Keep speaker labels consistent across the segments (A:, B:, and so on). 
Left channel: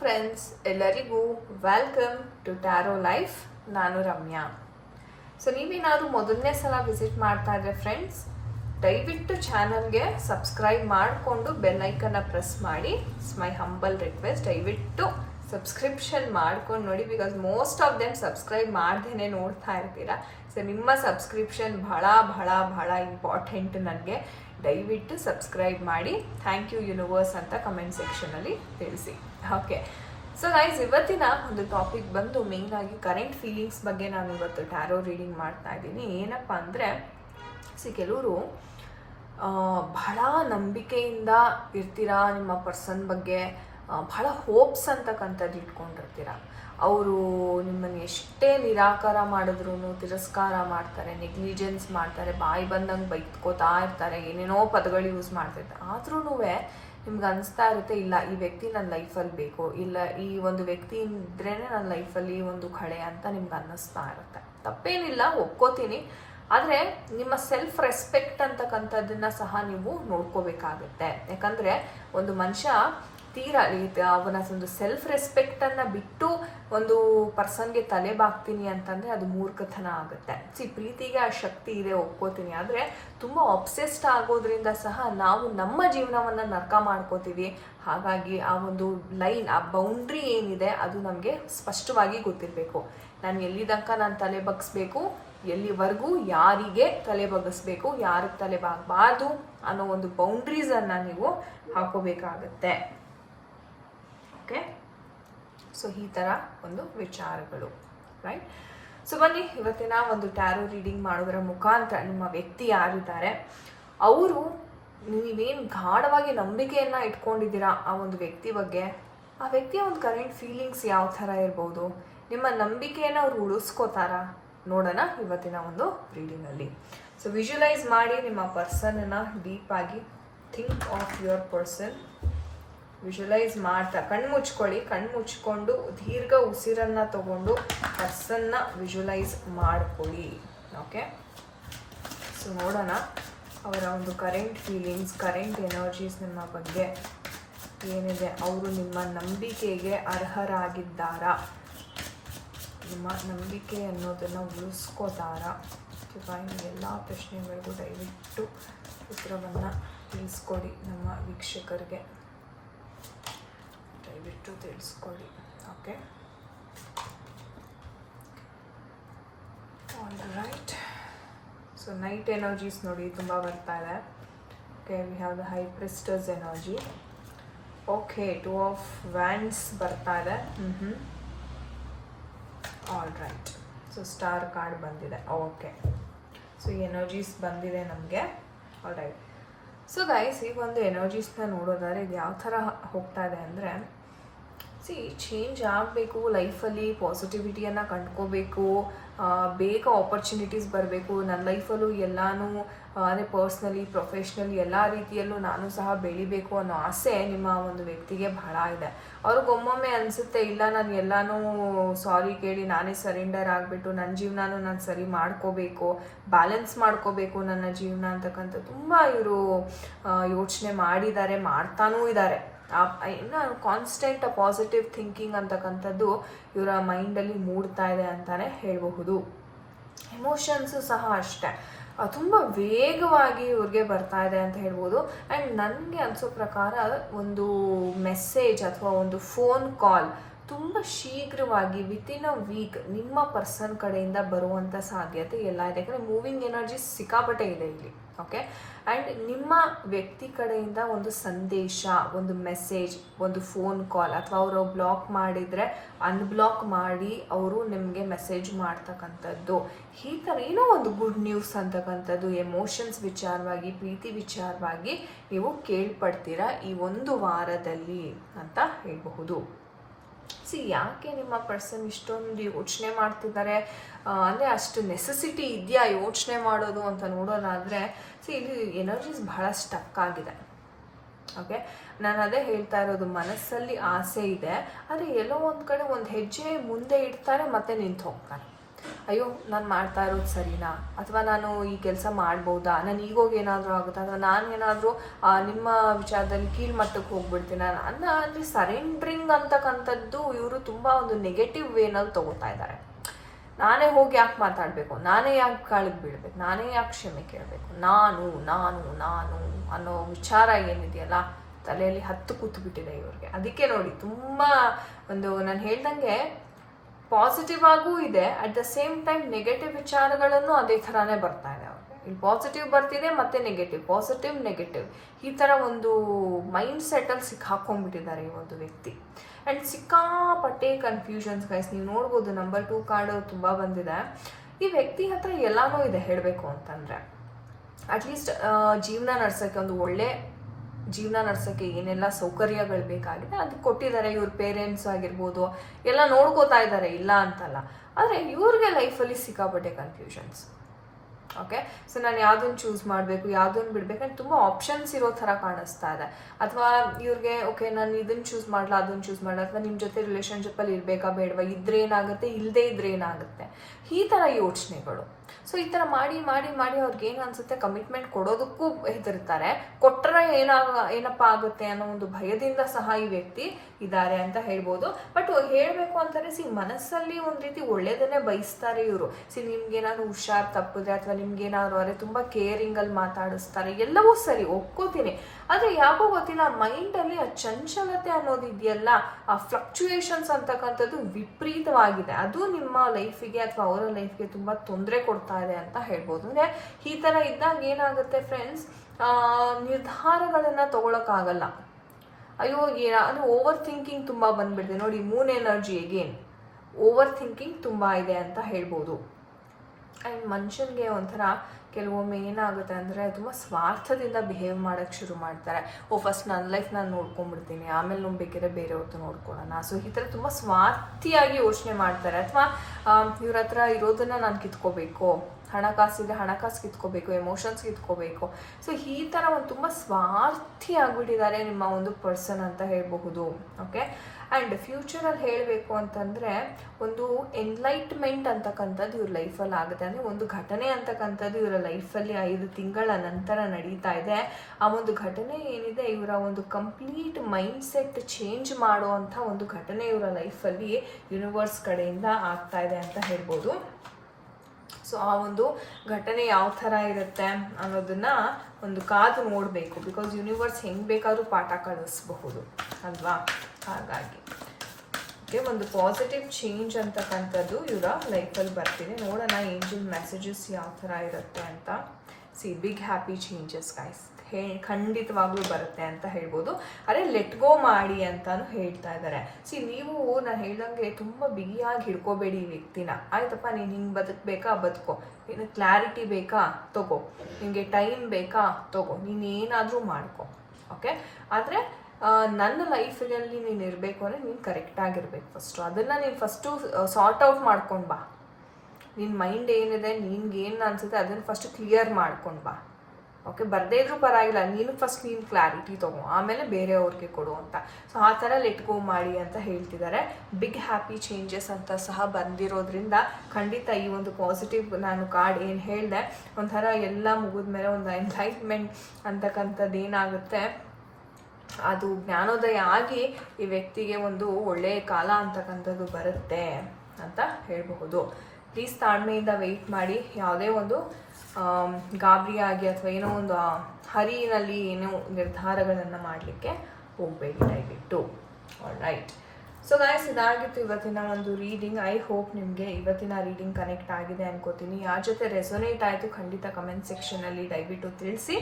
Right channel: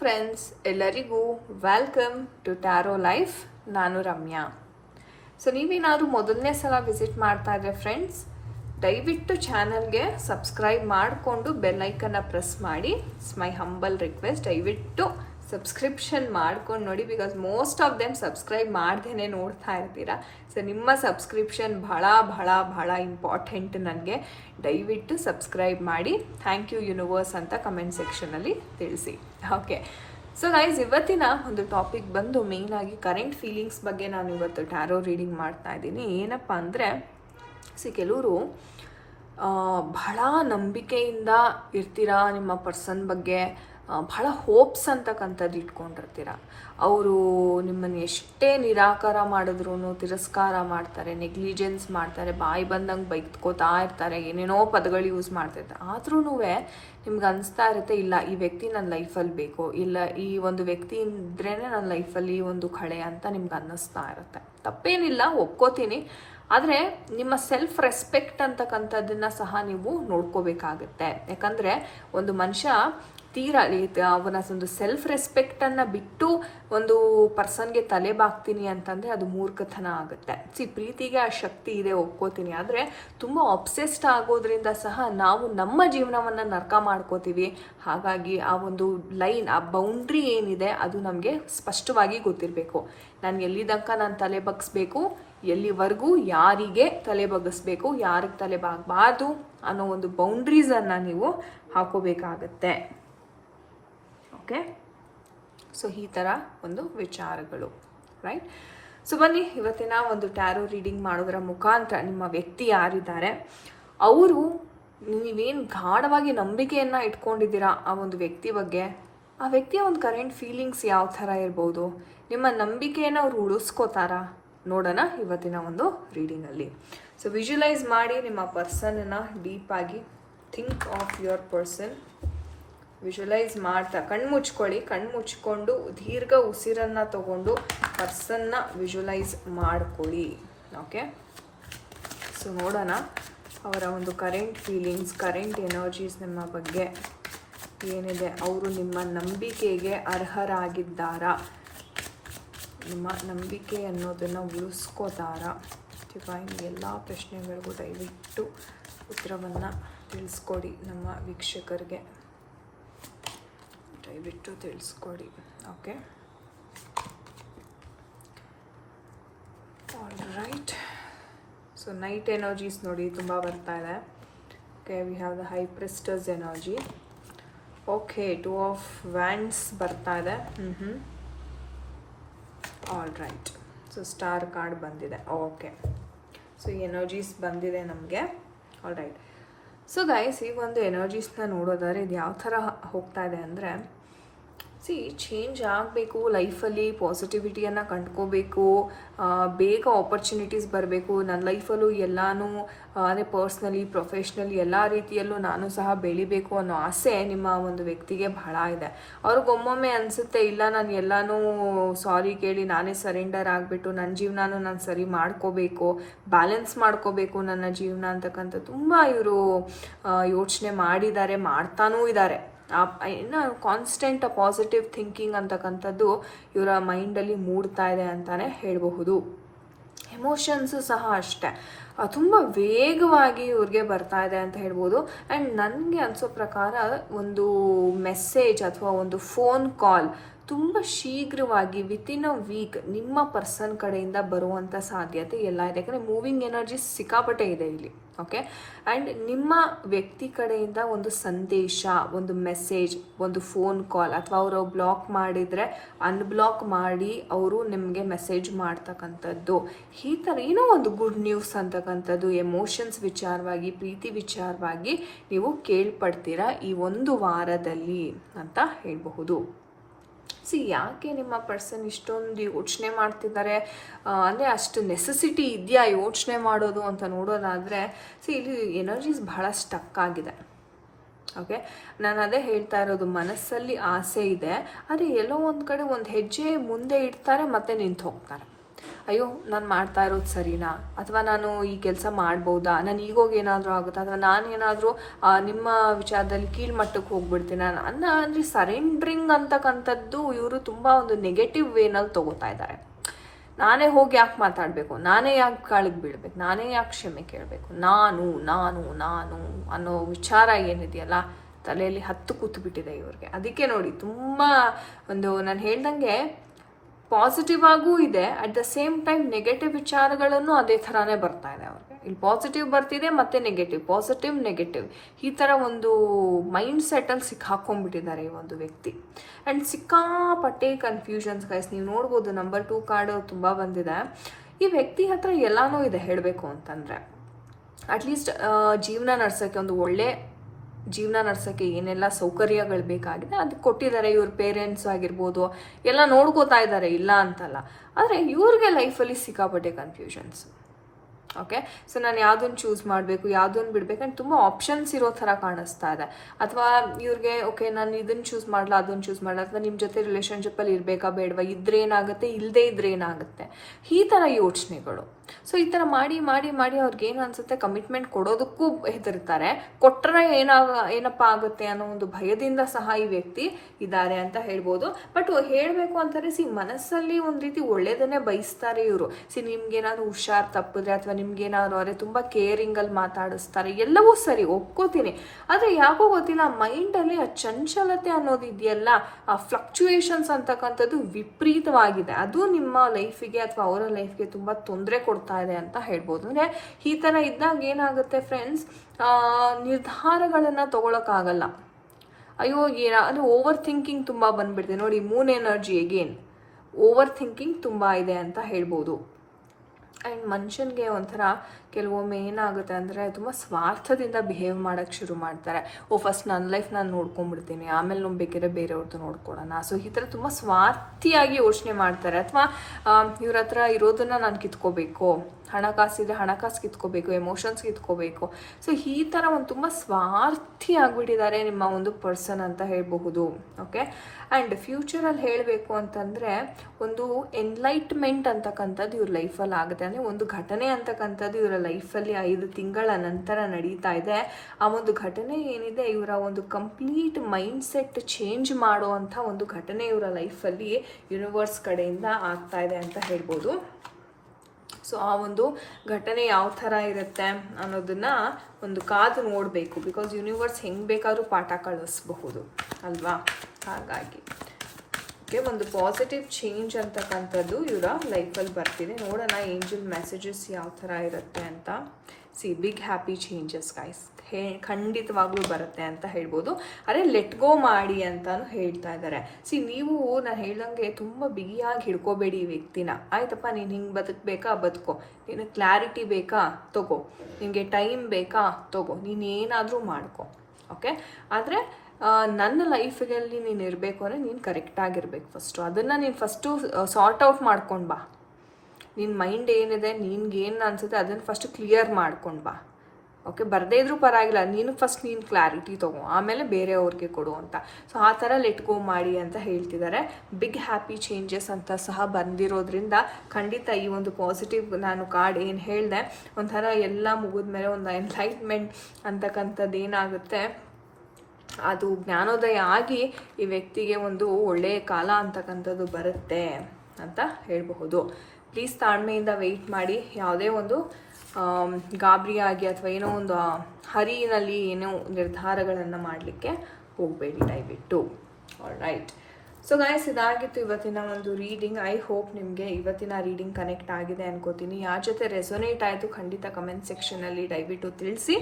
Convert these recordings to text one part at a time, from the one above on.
A: Friends ಎಲ್ಲರಿಗೂ welcome to taro life ನಾನು Ramya. So ನೀವೇನಾದರೂ ಮೊದಲನೇ ಸಲ ವಿಸಿಟ್ ಮಾಡ್ತಾ ಇದ್ರೆ ಫ್ರೆಂಡ್ಸ್ ದಯವಿಟ್ಟು ಚಾನಲ್ಗೆ ಸಬ್ಸ್ಕ್ರೈಬ್ ಮಾಡಿಕೊಂಡು ಬೆಲ್ಲೈಕನ್ನ ಪ್ರೆಸ್ ಮಾಡಿ. ಇಟ್ಸ್ ಮೈ ಹಂಬಲ್ ರಿಕ್ವೆಸ್ಟ್ ದಯವಿಟ್ಟು ಸಬ್ಸ್ಕ್ರಿಪ್ಷನ್ ಮಾಡ್ಕೊಂಡು ನೋಡಿ because most of them subscribe ಮಾಡ್ದೇನೆ ನೋಡ್ತಾ ಇರ್ತೀರಾ? ಸೊ ನಿಮ್ಮ ಸಬ್ಸ್ಕ್ರಿಪ್ಷನ್ ಬಹಳ ಬಹಳ ಬಹಳ ಇಂಪಾರ್ಟೆಂಟ್ ನನಗೆ ದಯವಿಟ್ಟು ಸಬ್ಸ್ಕ್ರೈಬ್ ಮಾಡಿ. ಥ್ಯಾಂಕ್ ಯು ಯೂನಿವರ್ಸ್ ಅಂತ ಕಮೆಂಟ್ ಸೆಕ್ಷನಲ್ಲಿ ತಿಳಿಸಿ. ಓಕೆ ಸೊ ನೈಸ್ ಇವತ್ತಿನ ಒಂದು ಟಾಪಿಕ್ ಬಂದು ಮೇನ್ ಆಗಿ ಕರೆಂಟ್ ಫೀಲಿಂಗ್ಸ್ ಬಗ್ಗೆ ನಾನು ಇವತ್ತು ಟ್ಯಾರೋ ರೀಡಿಂಗ್ ಮಾಡ್ತಾ ಇದ್ದೀನಿ. ಏನಪ್ಪ ಅಂದರೆ, ಸಿ ಕೆಲವರು ಬಹಳ ನಂಬಿಕೆಯಿಂದ ಇರ್ತೀರಾ ನಿಮ್ಮ ಪರ್ಸನ್ ಬಗ್ಗೆ? ಬಹಳ ಹೋಪ್ಸ್ ಅಂತಕ್ಕಂಥದ್ದು ಇಟ್ಕೊಂಡಿರ್ತೀರ. ಅವರು ನಿಮ್ಮನ್ನು ಎಷ್ಟೇ ನಿರಾಕಾರ ಮಾಡಿದ್ರು ತಿರಸ್ಕಾರ ಮಾಡ್ತಾರೆ ನೆಗ್ಲಿಜೆನ್ಸ್ ಮಾಡ್ತಾರೆ, ಬಾಯಿ ಬಂದಂಗೆ ಬೈತ್ಕೋತಾ ಇರ್ತಾರೆ, ಏನೇನೋ ಪದಗಳು ಯೂಸ್ ಮಾಡ್ತಿರ್ತಾರೆ ಆದ್ರೂ ನಿಮ್ಗೆ ಅನಿಸ್ತಾ ಇರುತ್ತೆ, ಇಲ್ಲ, ಈ ವ್ಯಕ್ತಿ ನನ್ನ ಲೈಫಲ್ಲಿ ಬೇಕು, ಇಲ್ಲ, ಈ ಒಂದು ವ್ಯಕ್ತಿ ಇದ್ರೇ ನನ್ನ ಲೈಫಲ್ಲಿ ಒಂದು ಕಳೆ ಅಂತ ನಿಮ್ಗೆ ಅನ್ನಿಸ್ತಾ ಇರುತ್ತೆ. ತಪ್ಪೇನಿಲ್ಲ, ಒಪ್ಕೋತೀನಿ. ಆದರೆ ನಿಮ್ಮ ಸೆಲ್ಫ್ ರೆಸ್ಪೆಕ್ಟ್ ಅಂತಕ್ಕಂಥದ್ದನ್ನ ಸಹ ನೀವು ನೋಡ್ಕೋಬೇಕಾಗುತ್ತೆ. ಯಾಕಂದ್ರೆ ಒಂದು ಮನುಷ್ಯ ತೀರಾ ಅವನ ಒಂದು ಸೆಲ್ಫ್ ರೆಸ್ಪೆಕ್ಟನ್ನು ಬಿಟ್ಟು ಒಂದು ಪರ್ಸನ್ಗೆ ತಲೆ ಬಾಗ್ತೀನಿ ಅಂತಂದ್ರೆ ಅದು ಮೂರ್ಖತನ ಆಗುತ್ತೆ. ಸಿ, ಪ್ರೀತಿಗೆ ಆ ಶಕ್ತಿ ಇದೆ, ಒಪ್ಕೋತೀನಿ. ಆದರೆ ತುಂಬಾ ಅಬ್ಸೆಸ್ಡ್ ಆಗೋದ್ರಿಂದ ಸಹ ನಾವು ನಮ್ಮ ಜೀವನವನ್ನ ನರ್ಕ ಮಾಡ್ಕೋತೀವಿ. ಹಾಗಾಗಿ ಆ ಒಂದು ಲೈನ್ ಆ ಬೌಂಡ್ರಿ ಏನಿದೆ ಅದು ನಮಗೆ ಸ್ಪಷ್ಟವಾಗಿ ಗೊತ್ತಿರಬೇಕು. ನಾನು ಎಲ್ಲಿದಕ್ಕ ನಾನು ತಲೆ ಬಗ್ಸ್ಬೇಕು ಎಲ್ಲಿವರೆಗೂ ಯಾರಿಗೆ ತಲೆ ಬಗ್ಗಿಸ್ಬೇಕು, ಯಾರಿಗೆ ತಲೆ ಬಾಗಬಾರ್ದು ಅನ್ನೋ ಒಂದು ಬೌಂಡ್ರೀಸನ್ನು ನೀವು ಹಾಕೋಬೇಕಾಗತ್ತೆ. ಓಕೆ ಸೊ ಈ ಥರ ಒಂದು ವಿಚಾರಗಳು ರೈಟ್ ಸೊ ಬನ್ನಿ, ಇವತ್ತಿನ ಒಂದು ಟ್ಯಾರೋ ರೀಡಿಂಗ್ ಮಾಡೋದರ ಮುಖಾಂತರ ನಿಮ್ಮ ವ್ಯಕ್ತಿ ಯಾರಿದ್ದಾರೆ, ಅವರು ನೀವೇನು ಗಾಢವಾಗಿ ನಂಬಿಕೆಯನ್ನ ಇಟ್ಕೊಂಡಿದ್ದೀರಾ ಆ ಒಂದು ವ್ಯಕ್ತಿ ಬಗ್ಗೆ, ಆ ವ್ಯಕ್ತಿಯ ಒಂದು ಕರೆಂಟ್ ಫೀಲಿಂಗ್ಸ್ ಯಾವ ಥರ ಇರ್ಬೋದು, ನಿಮ್ಮ ನಂಬಿಕೆಯನ್ನು ಅವ್ರು ಉಳಿಸ್ಕೋತಾರ ನೋಡೋಣ ಇವತ್ತಿನ ಒಂದು ರೀಡಿಂಗಲ್ಲಿ ಸೊ ವಿಜುವಲೈಸ್ ಮಾಡಿ ನಿಮ್ಮ ಪರ್ಸನನ್ನು ಡೀಪಾಗಿ think of your person visualise ಮಾಡ್ತಾ ಕಣ್ಣು ಮುಚ್ಕೊಳ್ಳಿ. ಕಣ್ಣು ಮುಚ್ಕೊಂಡು ದೀರ್ಘ ಉಸಿರನ್ನ ತಗೊಂಡು ಪರ್ಸನ್ನ ವಿಜುವಲೈಸ್ ಮಾಡ್ಕೊಳ್ಳಿ. ಓಕೆ ಸೊ ನೋಡೋಣ ಅವರ ಒಂದು ಕರೆಂಟ್ ಫೀಲಿಂಗ್ಸ್ ಕರೆಂಟ್ ಎನರ್ಜೀಸ್ ನಿಮ್ಮ ಬಗ್ಗೆ ಏನಿದೆ? ಅವರು ನಿಮ್ಮ ನಂಬಿಕೆಗೆ ಅರ್ಹರಾಗಿದ್ದಾರಾ? ನಿಮ್ಮ ನಂಬಿಕೆ ಅನ್ನೋದನ್ನು ಉಳಿಸ್ಕೋತಾರ. ಡಿವೈನ್ ಎಲ್ಲ ಪ್ರಶ್ನೆಗಳಿಗೂ ದಯವಿಟ್ಟು ಉತ್ತರವನ್ನು ತಿಳಿಸ್ಕೊಡಿ ನಮ್ಮ ವೀಕ್ಷಕರಿಗೆ. ದಯವಿಟ್ಟು ತಿಳಿಸ್ಕೊಡಿ, okay? Right so night energies ನೋಡಿ ತುಂಬ ಬರ್ತಾ ಇದೆ. Okay we have the high priestess energy okay two of wands ಬರ್ತಾ ಇದೆ. ಹ್ಞೂ ಹ್ಞೂ all right so star card ಬಂದಿದೆ. ಓಕೆ ಸೊ ಎನರ್ಜೀಸ್ ಬಂದಿದೆ ನಮಗೆ. ಆಲ್ ರೈಟ್ ಸೊ ಗೈಸ್ ಈ ಒಂದು ಎನರ್ಜೀಸ್ನ ನೋಡೋದಾದ್ರೆ ಇದು ಯಾವ ಥರ ಹೋಗ್ತಾ ಇದೆ ಅಂದರೆ ಸಿ ಚೇಂಜ್ ಆಗಬೇಕು ಲೈಫಲ್ಲಿ ಪಾಸಿಟಿವಿಟಿಯನ್ನು ಕಂಡ್ಕೋಬೇಕು ಬೇಗ ಆಪರ್ಚುನಿಟೀಸ್ ಬರಬೇಕು. ನನ್ನ ಲೈಫಲ್ಲೂ ಎಲ್ಲನೂ ಅದೇ ಪರ್ಸ್ನಲಿ, ಪ್ರೊಫೆಷ್ನಲಿ ಎಲ್ಲ ರೀತಿಯಲ್ಲೂ ನಾನು ಸಹ ಬೆಳಿಬೇಕು ಅನ್ನೋ ಆಸೆ ನಿಮ್ಮ ಒಂದು ವ್ಯಕ್ತಿಗೆ ಬಹಳ ಇದೆ. ಅವ್ರಿಗೊಮ್ಮೊಮ್ಮೆ ಅನಿಸುತ್ತೆ, ಇಲ್ಲ ನಾನು ಎಲ್ಲಾನು ಸಾರಿ ಕೇಳಿ ನಾನೇ ಸರೆಂಡರ್ ಆಗಿಬಿಟ್ಟು ನನ್ನ ಜೀವನನೂ ನಾನು ಸರಿ ಮಾಡ್ಕೋಬೇಕು ಬ್ಯಾಲೆನ್ಸ್ ಮಾಡ್ಕೋಬೇಕು ನನ್ನ ಜೀವನ ಅಂತಕ್ಕಂಥ ತುಂಬ ಇವರು ಯೋಚನೆ ಮಾಡಿದ್ದಾರೆ, ಮಾಡ್ತಾನೂ ಇದ್ದಾರೆ. ಇನ್ನು ಕಾನ್ಸ್ಟೆಂಟ್ ಪಾಸಿಟಿವ್ ಥಿಂಕಿಂಗ್ ಅಂತಕ್ಕಂಥದ್ದು ಇವರ ಮೈಂಡಲ್ಲಿ ಮೂಡ್ತಾ ಇದೆ ಅಂತಾನೆ ಹೇಳಬಹುದು. ಎಮೋಷನ್ಸು ಸಹ ಅಷ್ಟೇ. ತುಂಬ ವೇಗವಾಗಿ ಇವ್ರಿಗೆ ಬರ್ತಾ ಇದೆ ಅಂತ ಹೇಳ್ಬೋದು. ಆ್ಯಂಡ್ ನನಗೆ ಅನಿಸೋ ಪ್ರಕಾರ ಒಂದು ಮೆಸೇಜ್ ಅಥವಾ ಒಂದು ಫೋನ್ ಕಾಲ್ ತುಂಬ ಶೀಘ್ರವಾಗಿ ವಿತಿನ್ ಅ ವೀಕ್ ನಿಮ್ಮ ಪರ್ಸನ್ ಕಡೆಯಿಂದ ಬರುವಂಥ ಸಾಧ್ಯತೆ ಎಲ್ಲ ಇದೆ. ಯಾಕಂದರೆ ಮೂವಿಂಗ್ ಎನರ್ಜಿ ಸಿಕ್ಕಾಪಟ್ಟೆ ಇದೆ ಇಲ್ಲಿ ಓಕೆ ಆ್ಯಂಡ್ ನಿಮ್ಮ ವ್ಯಕ್ತಿ ಕಡೆಯಿಂದ ಒಂದು ಸಂದೇಶ, ಒಂದು ಮೆಸೇಜ್ ಒಂದು ಫೋನ್ ಕಾಲ್ ಅಥವಾ ಅವರು ಬ್ಲಾಕ್ ಮಾಡಿದರೆ ಅನ್ಬ್ಲಾಕ್ ಮಾಡಿ ಅವರು ನಿಮಗೆ ಮೆಸೇಜ್ ಮಾಡ್ತಕ್ಕಂಥದ್ದು. ಈ ಥರ ಏನೋ ಒಂದು ಗುಡ್ ನ್ಯೂಸ್ ಅಂತಕ್ಕಂಥದ್ದು ಎಮೋಷನ್ಸ್ ವಿಚಾರವಾಗಿ, ಪ್ರೀತಿ ವಿಚಾರವಾಗಿ ನೀವು ಕೇಳ್ಪಡ್ತೀರಾ ಈ ಒಂದು ವಾರದಲ್ಲಿ ಅಂತ ಹೇಳಬಹುದು. ಸಿ ಯಾಕೆ ನಿಮ್ಮ ಪರ್ಸನ್ ಇಷ್ಟೊಂದು ಯೋಚನೆ ಮಾಡ್ತಿದ್ದಾರೆ? ಅಂದರೆ ಅಷ್ಟು ನೆಸೆಸಿಟಿ ಇದೆಯಾ ಯೋಚನೆ ಮಾಡೋದು ಅಂತ ನೋಡೋದಾದರೆ ಸಿ ಇಲ್ಲಿ ಎನರ್ಜೀಸ್ ಬಹಳ ಸ್ಟಕ್ ಆಗಿದೆ. ಓಕೆ ನಾನು ಅದೇ ಹೇಳ್ತಾ ಇರೋದು, ಮನಸ್ಸಲ್ಲಿ ಆಸೆ ಇದೆ, ಆದರೆ ಎಲ್ಲೋ ಒಂದು ಕಡೆ ಒಂದು ಹೆಜ್ಜೆ ಮುಂದೆ ಇಡ್ತಾರೆ, ಮತ್ತೆ ನಿಂತು ಹೋಗ್ತಾರೆ. ಅಯ್ಯೋ, ನಾನು ಮಾಡ್ತಾ ಇರೋದು ಸರಿನಾ? ಅಥವಾ ನಾನು ಈ ಕೆಲಸ ಮಾಡ್ಬೋದಾ? ನಾನು ಈಗೋಗಿ ಏನಾದರೂ ಆಗುತ್ತಾ? ಅಥವಾ ನಾನು ಏನಾದರೂ ನಿಮ್ಮ ವಿಚಾರದಲ್ಲಿ ಕೀಳ್ಮಟ್ಟಕ್ಕೆ ಹೋಗ್ಬಿಡ್ತೀನ? ನನ್ನ ಅಂದರೆ ಸರೆಂಡ್ರಿಂಗ್ ಅಂತಕ್ಕಂಥದ್ದು ಇವರು ತುಂಬ ಒಂದು ನೆಗೆಟಿವ್ ವೇನಲ್ಲಿ ತಗೋತಾ ಇದ್ದಾರೆ ನಾನೇ ಹೋಗಿ ಯಾಕೆ ಮಾತಾಡಬೇಕು? ನಾನೇ ಯಾಕೆ ಕಾಳಿಗೆ ಬೀಳ್ಬೇಕು? ನಾನೇ ಯಾಕೆ ಕ್ಷಮೆ ಕೇಳಬೇಕು? ನಾನು ನಾನು ನಾನು ಅನ್ನೋ ವಿಚಾರ ಏನಿದೆಯಲ್ಲ, ತಲೆಯಲ್ಲಿ ಹತ್ತು ಕೂತು ಬಿಟ್ಟಿದೆ ಇವ್ರಿಗೆ. ಅದಕ್ಕೆ ನೋಡಿ, ತುಂಬ ಒಂದು ನಾನು ಹೇಳ್ದಂಗೆ ಪಾಸಿಟಿವ್ ಆಗೂ ಇದೆ at the same time negative ವಿಚಾರಗಳನ್ನು ಅದೇ ಥರನೇ ಬರ್ತಾ ಇದೆ ಇಲ್ಲಿ ಪಾಸಿಟಿವ್ ಬರ್ತಿದೆ ಮತ್ತೆ ನೆಗೆಟಿವ್ ಪಾಸಿಟಿವ್ ನೆಗೆಟಿವ್ ಈ ಥರ ಒಂದು ಮೈಂಡ್ ಸೆಟ್ಟಲ್ಲಿ ಸಿಕ್ಕಾಕೊಂಡ್ಬಿಟ್ಟಿದ್ದಾರೆ ಈ ಒಂದು ವ್ಯಕ್ತಿ. ಆ್ಯಂಡ್ ಸಿಕ್ಕಾಪಟ್ಟೆ ಕನ್ಫ್ಯೂಷನ್ಸ್ ಗೈಸ್ ನೀವು ನೋಡ್ಬೋದು ನಂಬರ್ ಟೂ ಕಾರ್ಡ್ ತುಂಬ ಬಂದಿದೆ. ಈ ವ್ಯಕ್ತಿ ಹತ್ರ ಎಲ್ಲಾನು ಇದೆ, ಹೇಳಬೇಕು ಅಂತಂದರೆ. ಅಟ್ಲೀಸ್ಟ್ ಜೀವನ ನಡ್ಸೋಕ್ಕೆ ಒಂದು ಒಳ್ಳೆ ಜೀವನ ನಡ್ಸೋಕ್ಕೆ ಏನೆಲ್ಲ ಸೌಕರ್ಯಗಳು ಬೇಕಾಗಿದೆ ಅದು ಕೊಟ್ಟಿದ್ದಾರೆ. ಇವ್ರ ಪೇರೆಂಟ್ಸ್ ಆಗಿರ್ಬೋದು, ಎಲ್ಲ ನೋಡ್ಕೋತಾ ಇದ್ದಾರೆ. ಇಲ್ಲ ಅಂತಲ್ಲ. ಆದರೆ ಇವ್ರಿಗೆ ಲೈಫಲ್ಲಿ ಸಿಕ್ಕಾಪಟ್ಟೆ ಕನ್ಫ್ಯೂಷನ್ಸ್ ಓಕೆ ಸೊ ನಾನು ಯಾವ್ದನ್ನು ಚೂಸ್ ಮಾಡಬೇಕು ಯಾವುದನ್ನು ಬಿಡಬೇಕು ಅಂತ ತುಂಬ ಆಪ್ಷನ್ಸ್ ಇರೋ ಥರ ಕಾಣಿಸ್ತಾ ಇದೆ. ಅಥವಾ ಇವ್ರಿಗೆ ಓಕೆ ನಾನು ಇದನ್ನು ಚೂಸ್ ಮಾಡಲ್ಲ ಅದನ್ನು ಚೂಸ್ ಮಾಡಲ್ಲ ಅಥವಾ ನಿಮ್ಮ ಜೊತೆ ರಿಲೇಷನ್ಶಿಪ್ಪಲ್ಲಿ ಇರಬೇಕಾ ಬೇಡವಾ, ಇದ್ರೆ ಏನಾಗುತ್ತೆ ಇಲ್ಲದೆ ಇದ್ರೆ ಏನಾಗುತ್ತೆ? ಈ ಥರ ಯೋಚನೆಗಳು. ಸೊ ಈ ಥರ ಮಾಡಿ ಮಾಡಿ ಮಾಡಿ ಅವ್ರಿಗೆ ಏನು ಅನ್ಸುತ್ತೆ? ಕಮಿಟ್ಮೆಂಟ್ ಕೊಡೋದಕ್ಕೂ ಹೆದರ್ತಾರೆ. ಕೊಟ್ಟರೆ ಏನಾಗ ಏನಪ್ಪ ಆಗುತ್ತೆ ಅನ್ನೋ ಒಂದು ಭಯದಿಂದ ಸಹ ಈ ವ್ಯಕ್ತಿ ಇದ್ದಾರೆ ಅಂತ ಹೇಳ್ಬೋದು. ಬಟ್ ಹೇಳಬೇಕು ಅಂತಾರೆ ಸಿ ಮನಸ್ಸಲ್ಲಿ ಒಂದು ರೀತಿ ಒಳ್ಳೇದನ್ನೇ ಬಯಸ್ತಾರೆ ಇವರು. ಸಿ ನಿಮ್ಗೇನಾದ್ರು ಹುಷಾರ್ ತಪ್ಪಿದ್ರೆ ಅಥವಾ ನಿಮ್ಗೇನಾದ್ರು ಅರೆ ತುಂಬ ಕೇರಿಂಗಲ್ಲಿ ಮಾತಾಡಿಸ್ತಾರೆ, ಎಲ್ಲವೂ ಸರಿ, ಒಪ್ಕೋತೀನಿ. ಆದರೆ ಯಾಕೋ ಗೊತ್ತಿಲ್ಲ ಮೈಂಡಲ್ಲಿ ಆ ಚಂಚಲತೆ ಅನ್ನೋದು ಇದೆಯಲ್ಲ, ಆ ಫ್ಲಕ್ಚುಯೇಷನ್ಸ್ ಅಂತಕ್ಕಂಥದ್ದು ವಿಪರೀತವಾಗಿದೆ. ಅದು ನಿಮ್ಮ ಲೈಫಿಗೆ ಅಥವಾ ಅವರ ಲೈಫ್ಗೆ ತುಂಬ ತೊಂದರೆ ಕೊಡ್ತಾ ಇದೆ ಅಂತ ಹೇಳ್ಬೋದು. ಅಂದರೆ ಈ ಥರ ಇದ್ದಾಗ ಏನಾಗುತ್ತೆ ಫ್ರೆಂಡ್ಸ್ ನಿರ್ಧಾರಗಳನ್ನು ತಗೊಳಕ್ಕಾಗಲ್ಲ. ಅಯ್ಯೋ, ಏನ, ಅಂದರೆ ಓವರ್ ಥಿಂಕಿಂಗ್ ತುಂಬ ಬಂದ್ಬಿಟ್ಟಿದೆ ನೋಡಿ moon energy again overthinking ತುಂಬ ಇದೆ ಅಂತ ಹೇಳ್ಬೋದು. ಆ್ಯಂಡ್ ಮನುಷ್ಯನಿಗೆ ಒಂಥರ ಕೆಲವೊಮ್ಮೆ ಏನಾಗುತ್ತೆ ಅಂದರೆ ತುಂಬ ಸ್ವಾರ್ಥದಿಂದ ಬಿಹೇವ್ ಮಾಡೋಕ್ಕೆ ಶುರು ಮಾಡ್ತಾರೆ. ಓ ಫಸ್ಟ್ ನನ್ನ ಲೈಫ್ ನಾನು ನೋಡ್ಕೊಂಡ್ಬಿಡ್ತೀನಿ, ಆಮೇಲೆ ನಾವು ಬೇಕಿದ್ರೆ ಬೇರೆಯವ್ರದ್ದು ನೋಡ್ಕೊಳ್ಳೋಣ. ಸೊ ಈ ಥರ ತುಂಬ ಸ್ವಾರ್ಥಿಯಾಗಿ ಯೋಚನೆ ಮಾಡ್ತಾರೆ. ಅಥವಾ ಇವ್ರ ಹತ್ರ ಇರೋದನ್ನು ನಾನು ಕಿತ್ಕೋಬೇಕು. ಹಣಕಾಸಿದ್ರೆ ಹಣಕಾಸು ಕಿತ್ಕೋಬೇಕು ಎಮೋಷನ್ಸ್ ಕಿತ್ಕೋಬೇಕು ಸೊ ಈ ಥರ ಒಂದು ತುಂಬ ಸ್ವಾರ್ಥಿ ಆಗಿಬಿಟ್ಟಿದ್ದಾರೆ ನಿಮ್ಮ ಒಂದು ಪರ್ಸನ್ ಅಂತ ಹೇಳಬಹುದು ಓಕೆ ಆ್ಯಂಡ್ ಫ್ಯೂಚರಲ್ಲಿ ಹೇಳಬೇಕು ಅಂತಂದರೆ, ಒಂದು ಎನ್ಲೈಟ್ಮೆಂಟ್ ಅಂತಕ್ಕಂಥದ್ದು ಇವ್ರ ಲೈಫಲ್ಲಿ ಆಗುತ್ತೆ. ಅಂದರೆ ಒಂದು ಘಟನೆ ಅಂತಕ್ಕಂಥದ್ದು ಇವರ ಲೈಫಲ್ಲಿ ಐದು ತಿಂಗಳ ನಂತರ ನಡೀತಾ ಇದೆ. ಆ ಒಂದು ಘಟನೆ ಏನಿದೆ, ಇವರ ಒಂದು ಕಂಪ್ಲೀಟ್ ಮೈಂಡ್ ಸೆಟ್ ಚೇಂಜ್ ಮಾಡುವಂಥ ಒಂದು ಘಟನೆ ಇವರ ಲೈಫಲ್ಲಿ ಯೂನಿವರ್ಸ್ ಕಡೆಯಿಂದ ಆಗ್ತಾ ಇದೆ ಅಂತ ಹೇಳ್ಬೋದು. ಸೊ ಆ ಒಂದು ಘಟನೆ ಯಾವ ಥರ ಇರುತ್ತೆ ಅನ್ನೋದನ್ನ ಒಂದು ಕಾದು ನೋಡಬೇಕು. ಬಿಕಾಸ್ ಯೂನಿವರ್ಸ್ ಹೆಂಗೆ ಬೇಕಾದ್ರೂ ಪಾಠ ಕಳಿಸ್ಬಹುದು. ಅಲ್ವಾ? ಹಾಗಾಗಿ. ಒಂದು ಪಾಸಿಟಿವ್ ಚೇಂಜ್ ಅಂತಕ್ಕಂಥದ್ದು ಇವರ ಲೈಫಲ್ಲಿ ಬರ್ತಿದೆ. ನೋಡೋಣ ಏಂಜಲ್ ಮೆಸೇಜಸ್ ಯಾವ ಥರ ಇರುತ್ತೆ ಅಂತ. See big happy changes guys hey ಖಂಡಿತವಾಗ್ಲೂ ಬರುತ್ತೆ ಅಂತ ಹೇಳ್ಬೋದು. ಅದೇ ಲೆಟ್ ಗೋ ಮಾಡಿ ಅಂತ ಹೇಳ್ತಾ ಇದ್ದಾರೆ. ಸಿ ನೀವು ನಾನು ಹೇಳೋಕ್ಕೆ ತುಂಬ ಬಿಗಿಯಾಗಿ ಹಿಡ್ಕೋಬೇಡಿ ಈ ವ್ಯಕ್ತಿನ. ಆಯ್ತಪ್ಪ, ನೀನು ಹಿಂಗೆ ಬದುಕಬೇಕಾ? ಬದುಕೋ. ನಿನಗೆ ಕ್ಲಾರಿಟಿ ಬೇಕಾ? ತಗೋ. ನಿಮಗೆ ಟೈಮ್ ಬೇಕಾ? ತಗೋ. ನೀನು ಏನಾದರೂ ಮಾಡ್ಕೊ. ಓಕೆ ಆದರೆ ನನ್ನ ಲೈಫಲ್ಲಿ ನೀನು ಇರಬೇಕು ಅಂದರೆ ನೀನು ಕರೆಕ್ಟಾಗಿರ್ಬೇಕು ಫಸ್ಟು ಅದನ್ನು ನೀನು ಫಸ್ಟು ಸಾರ್ಟ್ ಔಟ್ ಮಾಡ್ಕೊಂಡು ಬಾ. ನಿನ್ನ ಮೈಂಡ್ ಏನಿದೆ, ನಿನ್ಗೆ ಏನು ಅನ್ಸುತ್ತೆ ಅದನ್ನು ಫಸ್ಟ್ ಕ್ಲಿಯರ್ ಮಾಡ್ಕೊಂಡು ಬಾ. ಓಕೆ ಬರದೇ ಇದ್ರೂ ಪರವಾಗಿಲ್ಲ, ನೀನು ಫಸ್ಟ್ ನೀನು ಕ್ಲಾರಿಟಿ ತಗೋ, ಆಮೇಲೆ ಬೇರೆಯವ್ರಿಗೆ ಕೊಡು ಅಂತ. ಸೊ ಆ ಥರ ಲೆಟ್ ಗೋ ಮಾಡಿ ಅಂತ ಹೇಳ್ತಿದ್ದಾರೆ ಬಿಗ್ ಹ್ಯಾಪಿ ಚೇಂಜಸ್ ಅಂತ ಸಹ ಬಂದಿರೋದ್ರಿಂದ ಖಂಡಿತ ಈ ಒಂದು ಪಾಸಿಟಿವ್ ನಾನು ಕಾರ್ಡ್ ಏನು ಹೇಳಿದೆ, ಒಂಥರ ಎಲ್ಲ ಮುಗಿದ್ಮೇಲೆ ಒಂದು ಎನ್ಲೈಟ್ಮೆಂಟ್ ಅಂತಕ್ಕಂಥದ್ದು ಏನಾಗುತ್ತೆ, ಅದು ಜ್ಞಾನೋದಯ ಆಗಿ ಈ ವ್ಯಕ್ತಿಗೆ ಒಂದು ಒಳ್ಳೆಯ ಕಾಲ ಅಂತಕ್ಕಂಥದ್ದು ಬರುತ್ತೆ ಅಂತ ಹೇಳಬಹುದು. ಪ್ಲೀಸ್ ತಾಳ್ಮೆಯಿಂದ ವೆಯ್ಟ್ ಮಾಡಿ. ಯಾವುದೇ ಒಂದು ಗಾಬರಿಯಾಗಿ ಅಥವಾ ಏನೋ ಒಂದು ಹರಿನಲ್ಲಿ ಏನೋ ನಿರ್ಧಾರಗಳನ್ನು ಮಾಡಲಿಕ್ಕೆ ಹೋಗಬೇಡಿ ದಯವಿಟ್ಟು. ರೈಟ್ ಸೊ ಗಾಯ್ಸ್ ಇದಾಗಿತ್ತು ಇವತ್ತಿನ ಒಂದು ರೀಡಿಂಗ್ ಐ ಹೋಪ್ ನಿಮಗೆ ಇವತ್ತಿನ ರೀಡಿಂಗ್ ಕನೆಕ್ಟ್ ಆಗಿದೆ ಅನ್ಕೋತೀನಿ. ಯಾರ ಜೊತೆ ರೆಸೊನೇಟ್ ಆಯಿತು ಖಂಡಿತ ಕಮೆಂಟ್ ಸೆಕ್ಷನಲ್ಲಿ ದಯವಿಟ್ಟು ತಿಳಿಸಿ.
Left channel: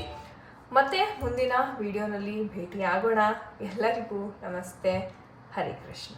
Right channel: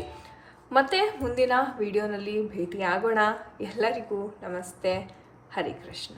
A: ಮತ್ತೆ ಮುಂದಿನ ವಿಡಿಯೋನಲ್ಲಿ ಭೇಟಿಯಾಗೋಣ. ಎಲ್ಲರಿಗೂ ನಮಸ್ತೆ. ಹರಿ ಕೃಷ್ಣ.